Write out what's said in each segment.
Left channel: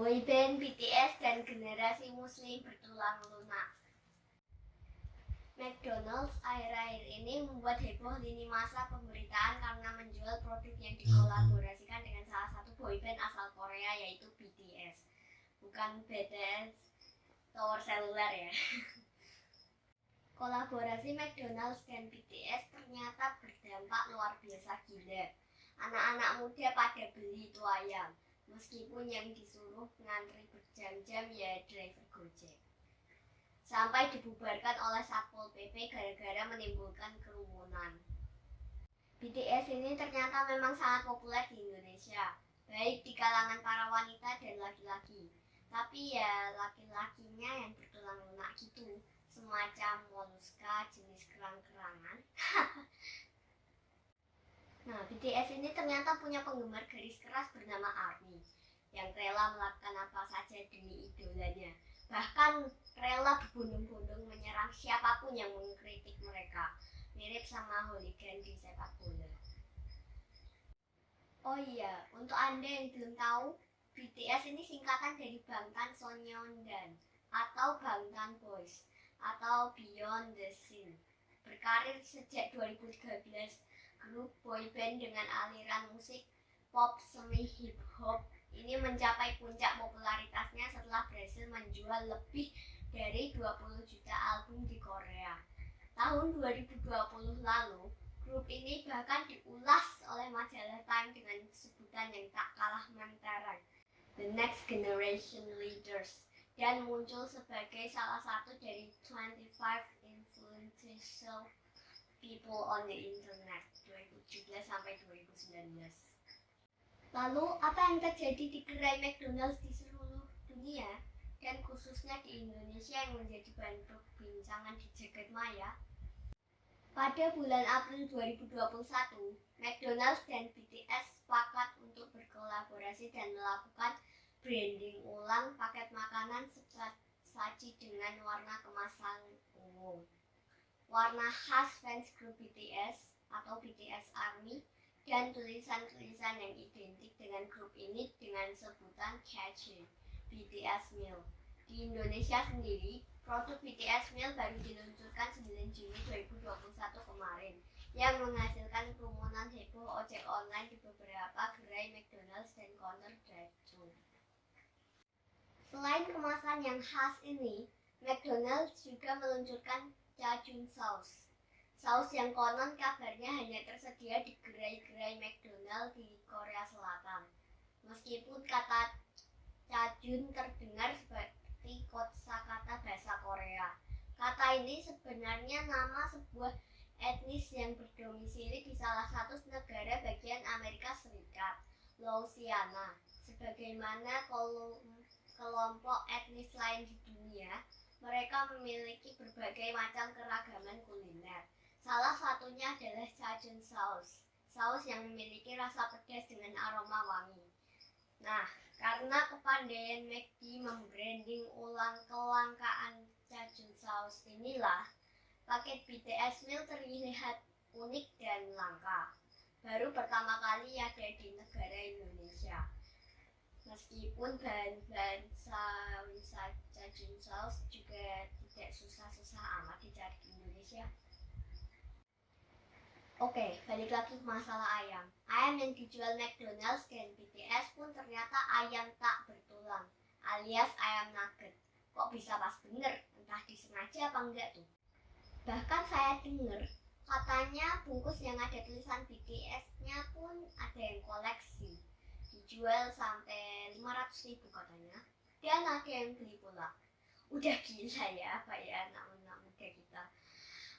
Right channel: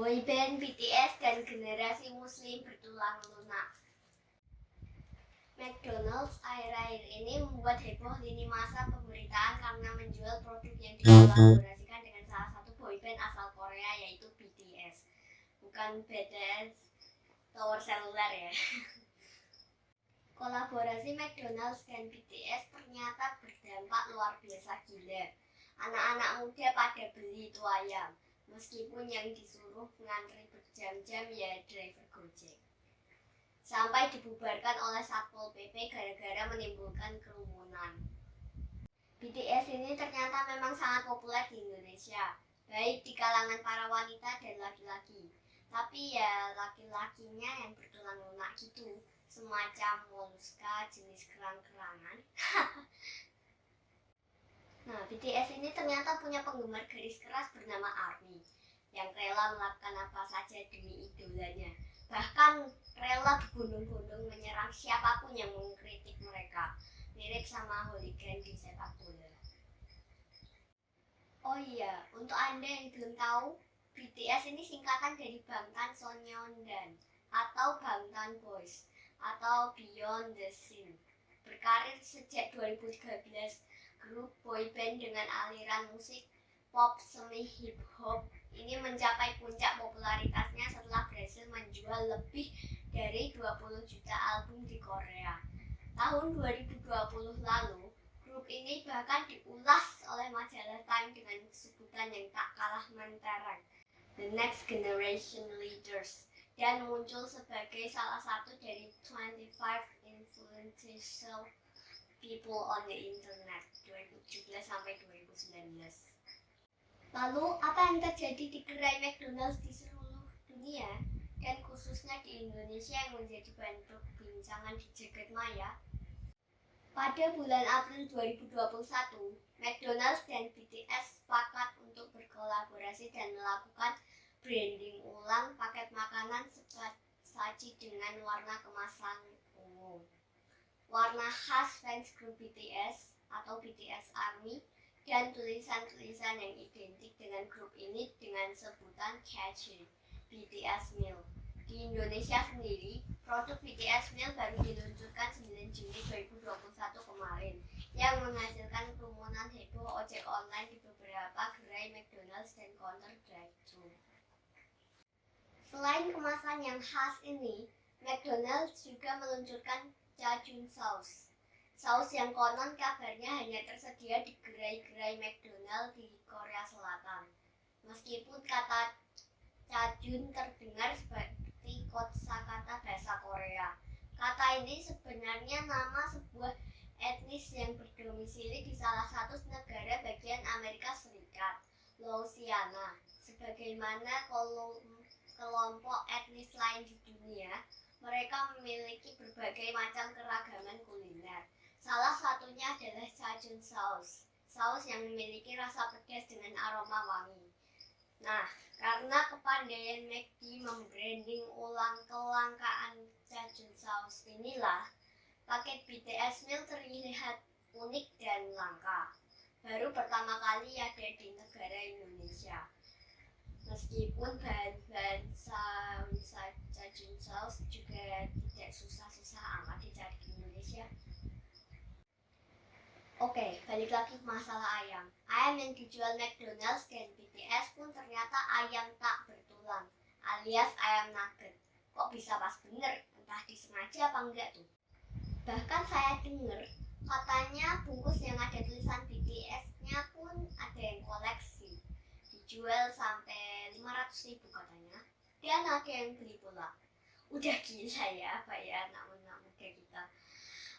boyband BTS dan generasi muslim bertulang lunak. McDonald's akhir-akhir ini membuat heboh lini masa pemberitaan karena menjual produk yang dikolaborasikan dengan salah satu boyband asal Korea yaitu BTS. Bukan BTS tower seluler ya. Kolaborasi McDonald's dan BTS ternyata berdampak luar biasa gila. Anak-anak muda pada beli itu ayam, meskipun yang disuruh ngantri berjam-jam ya driver Gojek. Sampai dibubarkan oleh Satpol PP gara-gara menimbulkan kerumunan. BTS ini ternyata memang sangat populer di Indonesia, baik di kalangan para wanita dan laki-laki. Tapi ya laki-lakinya yang bertulang lunak gitu, semacam moluska jenis kerang-kerangan. Nah, BTS ini ternyata punya penggemar garis keras bernama ARMY yang rela melakukan apa saja demi idolanya. Bahkan rela berbondong-bondong menyerang siapapun yang mengkritik mereka. Mirip sama hooligan di sepak bola. Oh iya, untuk Anda yang belum tahu, BTS ini singkatan dari Bangtan Sonyeondan atau Bangtan Boys atau Beyond the Scene. Berkarir sejak 2013, grup boyband dengan aliran musik pop semi hip hop ini mencapai puncak popularitasnya setelah berhasil menjual lebih dari 20 juta album di Korea. Tahun 2020 lalu, grup ini bahkan diulas oleh majalah Time dengan sebutan yang tak kalah mentereng, The Next Generation Leaders, dan muncul sebagai salah satu dari 25 influential people on the internet 2017 sampai 2019. Lalu apa yang terjadi di gerai McDonald's di seluruh dunia dan khususnya di Indonesia yang menjadi bahan perbincangan di jagat maya? Pada bulan April 2021, McDonald's dan BTS sepakat untuk berkolaborasi dan melakukan branding ulang paket makanan saji dengan warna kemasan ungu. Warna khas fans grup BTS atau BTS ARMY dan tulisan-tulisan yang identik dengan grup ini dengan sebutan catchy BTS Meal. Di Indonesia sendiri, produk BTS Meal baru diluncurkan 9 Juni 2021 kemarin yang menghasilkan kerumunan heboh ojek online di beberapa gerai McDonald's dan counter drive-thru. Selain kemasan yang khas ini, McDonald's juga meluncurkan Jajun Sauce. Saus yang konon kabarnya hanya tersedia di gerai-gerai McDonald's di Korea Selatan. Meskipun kata Jajun terdengar seperti kosakata bahasa Korea. Kata ini sebenarnya nama sebuah etnis yang berdomisili di salah satu negara bagian Amerika Serikat, Louisiana. Sebagaimana kelompok etnis lain di dunia, mereka memiliki berbagai macam keragaman kuliner. Salah satunya adalah Jajun Sauce, saus yang memiliki rasa pedas dengan aroma wangi. Nah, karena kepandaian McD membranding ulang kelangkaan Jajun Sauce inilah, paket BTS Meal terlihat unik dan langka. Baru pertama kali ada di negara Indonesia. Meskipun bahan-bahan saus Jajun Sauce juga tidak susah-susah amat dicari di Indonesia. Oke, balik lagi ke masalah ayam. Ayam yang dijual McDonald's dan BTS pun ternyata ayam tak bertulang, alias ayam nugget. Kok bisa pas bener? Entah disengaja apa enggak tuh. Bahkan saya dengar katanya bungkus yang ada tulisan BTS-nya pun ada yang koleksi. Dijual sampai 500.000 katanya. Dan ada yang beli pula. Udah gila ya apa ya anak-anak muda kita.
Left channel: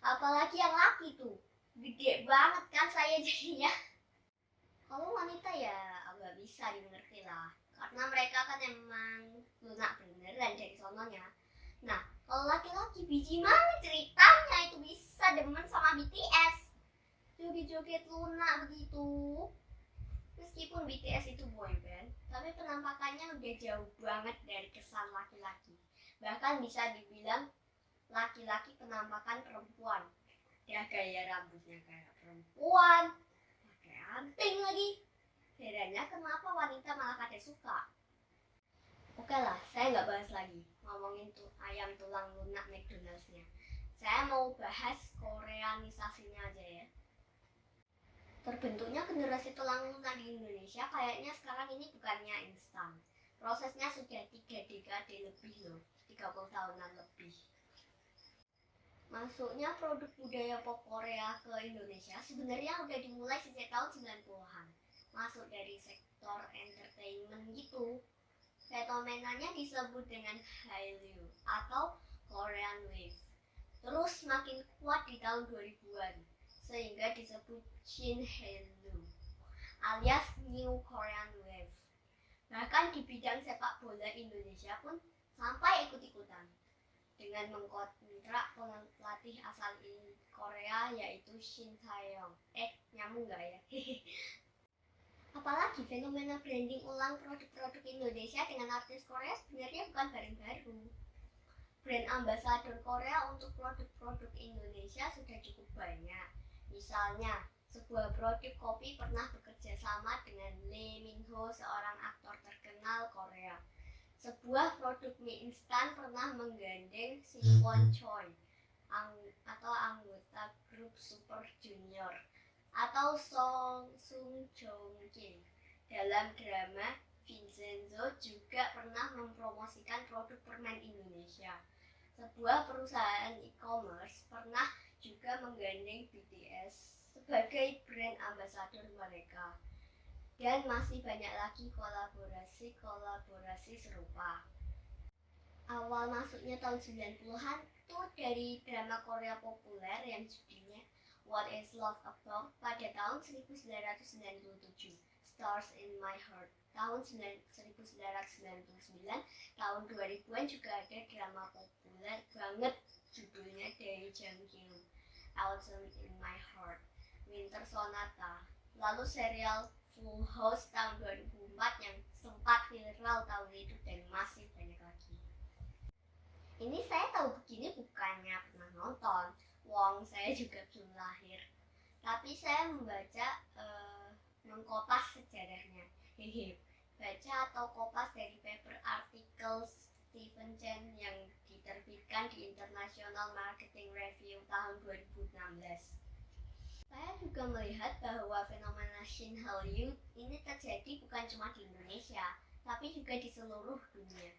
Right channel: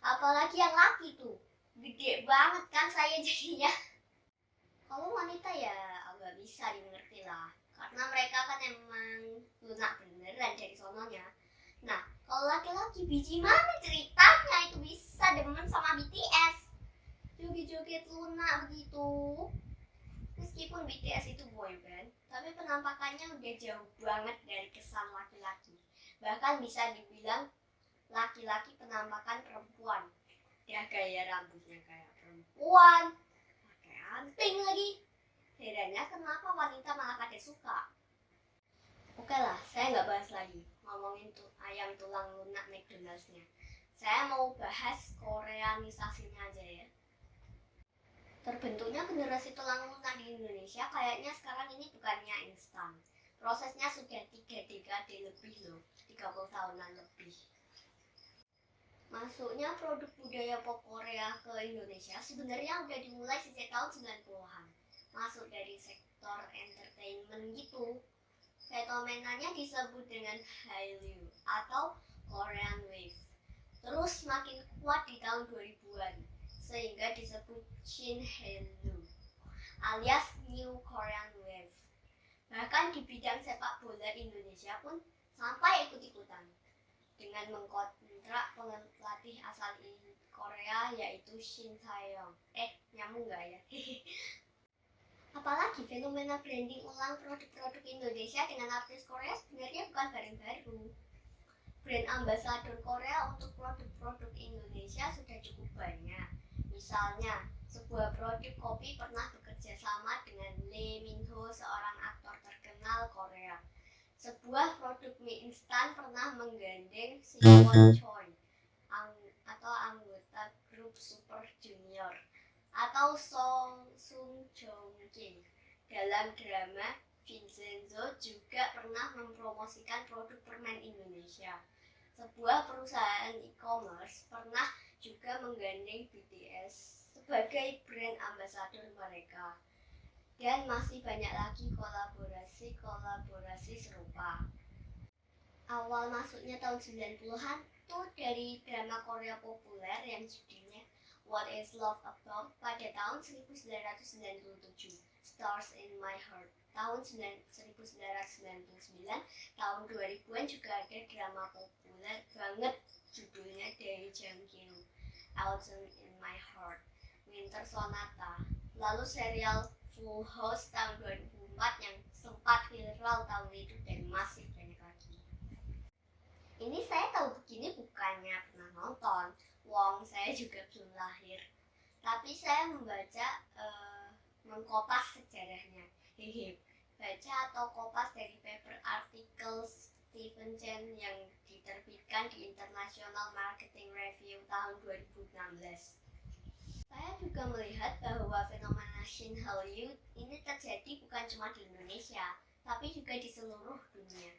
Apalagi yang laki tuh. Gede banget kan saya jadinya. Kalau wanita ya agak bisa dimengerti lah, karena mereka kan emang lunak beneran dari sononya. Nah, kalau laki-laki biji mana ceritanya itu bisa demen sama BTS, joget-joget lunak begitu. Meskipun BTS itu boyband, tapi penampakannya udah jauh banget dari kesan laki-laki. Bahkan bisa dibilang laki-laki penampakan perempuan. Ya gaya rambutnya kayak perempuan, pakai anting lagi. Herannya kenapa wanita malah pada suka. Oke lah, saya nggak bahas lagi ngomongin tuh ayam tulang lunak McDonald's-nya. Saya mau bahas koreanisasinya aja ya. Terbentuknya generasi tulang lunak di Indonesia kayaknya sekarang ini bukannya instan. Prosesnya sudah 3 dekade lebih loh, 30 tahunan lebih. Masuknya produk budaya pop Korea ke Indonesia sebenarnya udah dimulai sejak tahun 90-an. Masuk dari sektor entertainment gitu. Fenomenanya disebut dengan Hallyu atau Korean Wave. Terus makin kuat di tahun 2000-an sehingga disebut Shin Hallyu alias New Korean Wave. Bahkan di bidang sepak bola Indonesia pun sampai ikut-ikutan dengan mengkontrak pelatih asal Korea yaitu Shin Tae-yong. Nyambung gak ya? Apalagi fenomena branding ulang produk-produk Indonesia dengan artis Korea sebenarnya bukan barang baru. Brand ambasador Korea untuk produk-produk Indonesia sudah cukup banyak. Misalnya, sebuah produk kopi pernah bekerja sama dengan Lee Min Ho, seorang aktor terkenal Korea. Sebuah produk mie instan pernah menggandeng Siwon Choi atau anggota grup Super Junior, atau Song Sung Joong Ki. Dalam drama Vincenzo juga pernah mempromosikan produk permen Indonesia. Sebuah perusahaan e-commerce pernah juga menggandeng BTS sebagai brand ambasador mereka. Dan masih banyak lagi kolaborasi serupa. Awal masuknya tahun 90-an tuh dari drama Korea populer yang judulnya What is Love About pada tahun 1997, Stars in My Heart tahun 1999, tahun 2000-an juga ada drama populer banget judulnya Dae Jang Kyu, Autumn in My Heart, Winter Sonata. Lalu serial Full House tahun 2004 yang sempat viral tahun itu dan masih banyak lagi. Ini saya tahu begini bukannya pernah nonton, wong saya juga belum lahir. Tapi saya membaca mengkopas sejarahnya. Baca atau kopas dari paper artikel Stephen Chen yang diterbitkan di International Marketing Review tahun 2016. Saya juga melihat bahwa fenomena Shin Hallyu ini terjadi bukan cuma di Indonesia, tapi juga di seluruh dunia.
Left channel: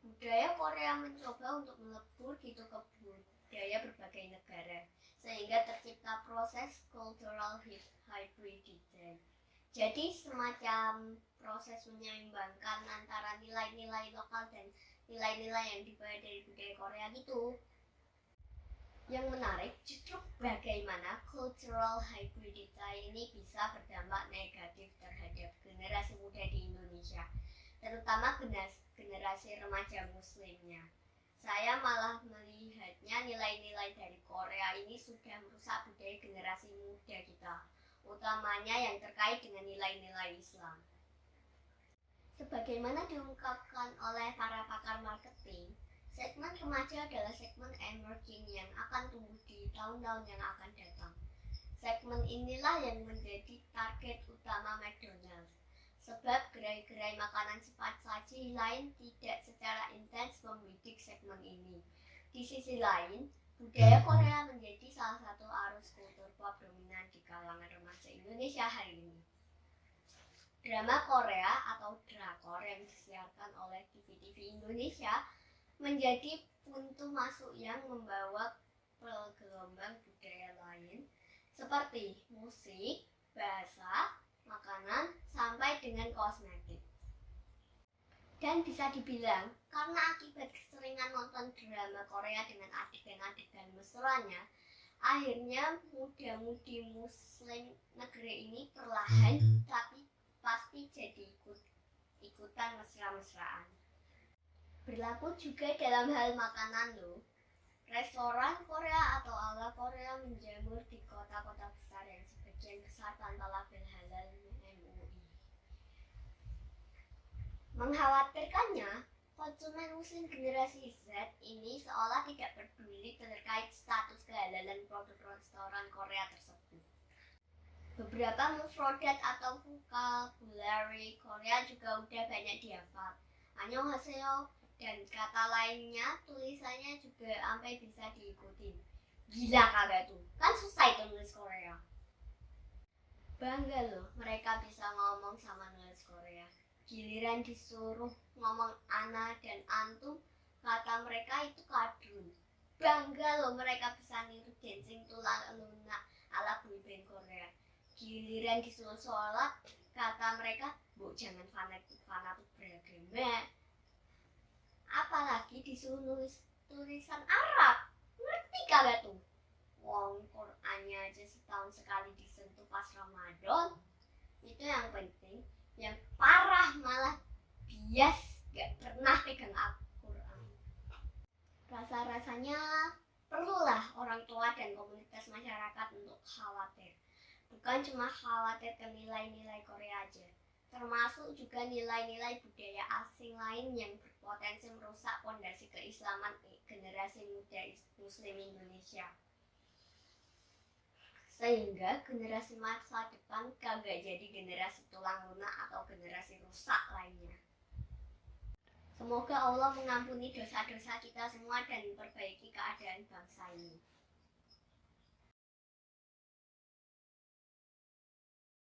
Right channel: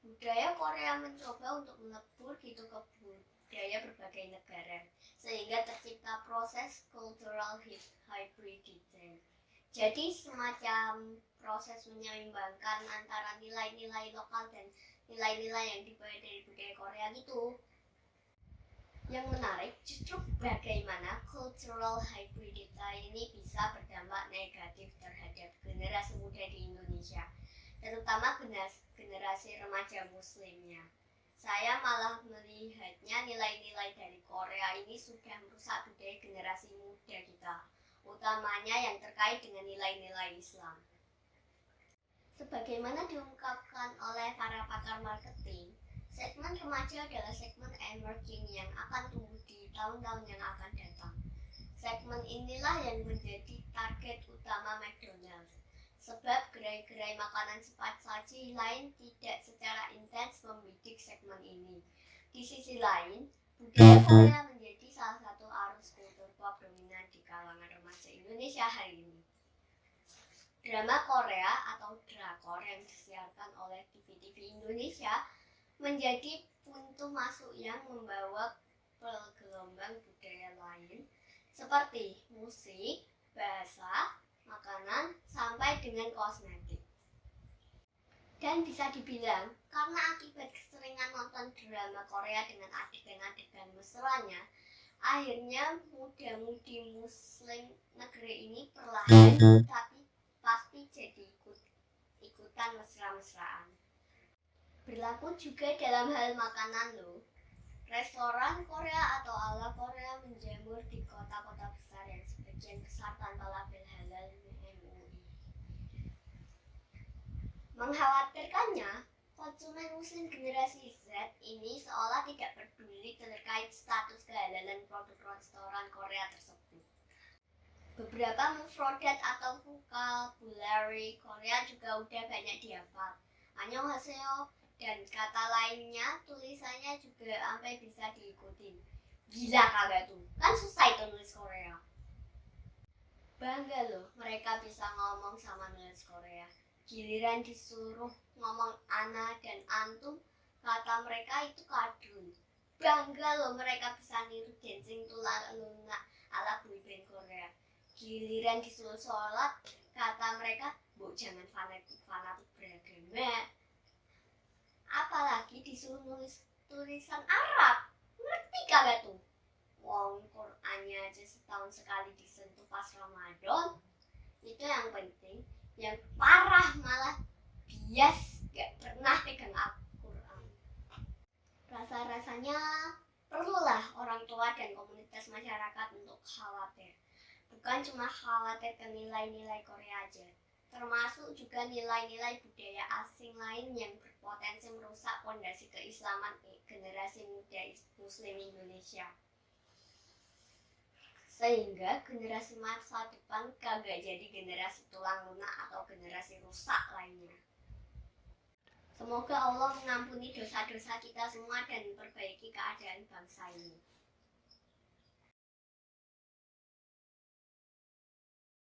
Budaya Korea mencoba untuk melebur gitu ke budaya berbagai negara, sehingga tercipta proses cultural hybridization. Jadi semacam proses menyeimbangkan antara nilai-nilai lokal dan nilai-nilai yang dibawa dari budaya Korea gitu. Yang menarik justru bagaimana cultural hybridization ini bisa berdampak negatif terhadap generasi muda di Indonesia, terutama generasi remaja muslimnya. Saya malah melihatnya nilai-nilai dari Korea ini sudah merusak budaya generasi muda kita, utamanya yang terkait dengan nilai-nilai Islam. Sebagaimana diungkapkan oleh para pakar marketing, segmen remaja adalah segmen emerging yang akan tumbuh di tahun-tahun yang akan datang. Segmen inilah yang menjadi target utama McDonald's, sebab gerai-gerai makanan cepat saji lain tidak secara intens membidik segmen ini. Di sisi lain, budaya Korea menjadi salah satu arus kultur pop dominan di kalangan remaja Indonesia hari ini. Drama Korea atau drakor yang disiarkan oleh TV-TV Indonesia menjadi pintu masuk yang membawa gelombang budaya lain seperti musik, bahasa, makanan, sampai dengan kosmetik. Dan bisa dibilang, karena akibat keseringan nonton drama Korea dengan adegan-adegan mesranya, akhirnya muda-mudi muslim negeri ini perlahan tapi pasti jadi ikutan mesra-mesraan. Berlaku juga dalam hal makanan loh. Restoran Korea atau ala Korea menjamur di kota-kota besar yang sebagian besar tanpa label halal MUI. Mengkhawatirkannya, konsumen muslim generasi Z ini seolah tidak peduli terkait status kehalalan produk restoran Korea tersebut. Beberapa mufrodat atau vocabulary Korea juga udah banyak dihafal. annyeonghaseyo, dan kata lainnya tulisannya juga sampai bisa diikutin. Gila kagak tuh? Kan susah itu nulis Korea. Bangga loh mereka bisa ngomong sama nulis Korea. Giliran disuruh ngomong ana dan antum, kata mereka itu kadrun. Bangga loh mereka bisa niru dancing tula luna ala boyband Korea. Giliran disuruh sholat, kata mereka, "Bu, jangan fanatik beragama." Apalagi disuruh nulis tulisan Arab. Ngerti kagak tuh? Wong Qur'annya aja setahun sekali disentuh pas Ramadan. Itu yang penting. Yang parah malah bias gak pernah pegang Al-Quran. Rasa-rasanya perlulah orang tua dan komunitas masyarakat untuk khawatir. Bukan cuma khawatir ke nilai-nilai Korea aja, termasuk juga nilai-nilai budaya asing lain yang berpotensi merusak fondasi keislaman generasi muda Muslim Indonesia. Sehingga generasi masa depan kagak jadi generasi tulang lunak atau generasi rusak lainnya. Semoga Allah mengampuni dosa-dosa kita semua dan memperbaiki keadaan bangsa ini.